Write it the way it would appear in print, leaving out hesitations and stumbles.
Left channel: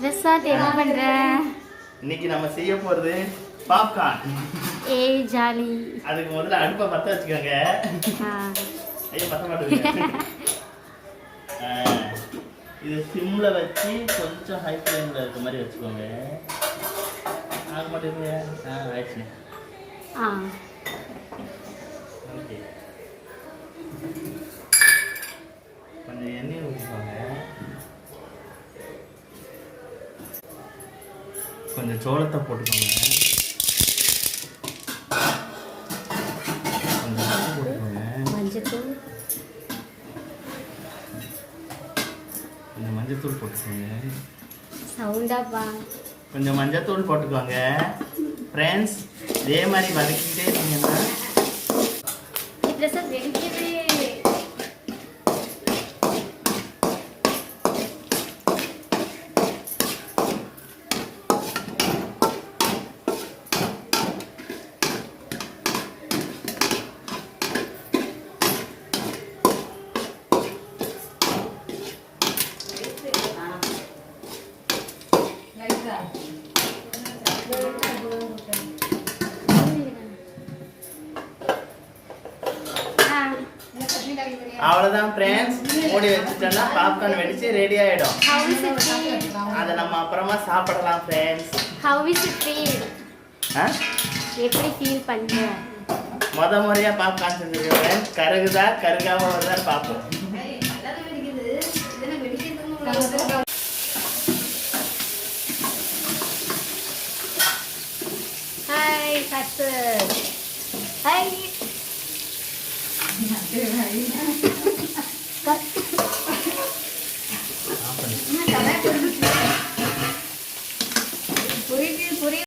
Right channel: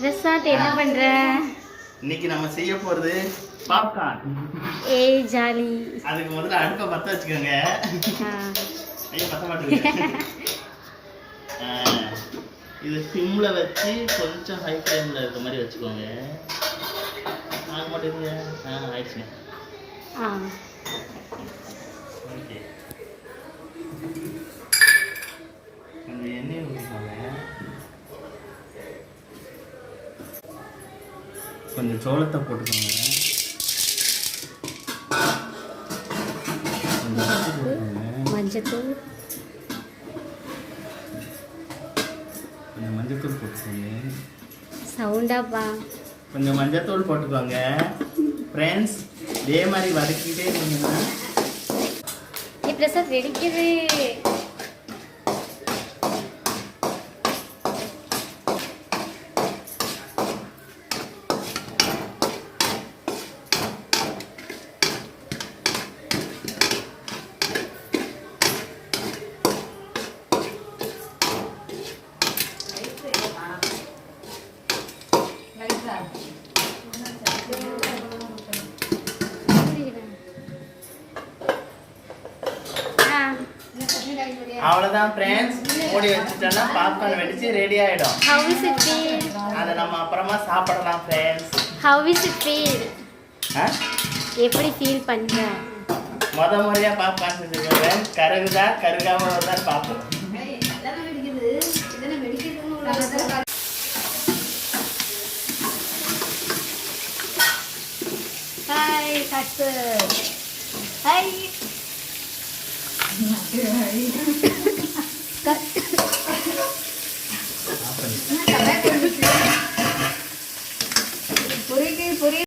பிரசாத் என்ன பண்ற? இன்னைக்கு நம்ம செய்ய போறது பாப்கார்ன். ஏய் ஜாலி. அதுக்கு முதல்ல அடுப்பை பத்த வச்சுக்கோங்க. ஐயா பத்த மாட்டேங்குது. இது சிம்ல வச்சு கொஞ்சம் ஹை ஃப்ளேம்ல இருக்க மாதிரி வச்சுக்கோங்க. ஆக மாட்டேங்குங்க. ஆயிடுச்சு. ஓகே. கொஞ்சம் எண்ணெய் ஊற்றிக்கோங்க. கொஞ்சம் சோளத்தை போட்டுக்கோங்க. மஞ்சத்தூள் கொஞ்சம் மஞ்சத்தூள் போட்டுக்கோங்க. சவுண்டாப்பா. கொஞ்சம் மஞ்சத்தூள் போட்டுக்கோங்க ஃப்ரெண்ட்ஸ். இதே மாதிரி வதக்கிட்டே இருந்தீங்கன்னா பிரசாத் வெடிக்குது. அவ்வளவுதான் ஃப்ரெண்ட்ஸ். மூடி வச்சுட்டோம்னா பாப்கார்ன் வெடிச்சு ரெடி ஆயிடும். அதை நம்ம அப்புறமா சாப்பிடலாம் friends. How is it feel? எப்படி ஃபீல் பண்ற? முறையா பாப்கார்ன் செஞ்சிருக்கேன். கருகுதா கருகாம வருதான்னு பாப்போம். ஹாய் கட்டு. ஹாய்.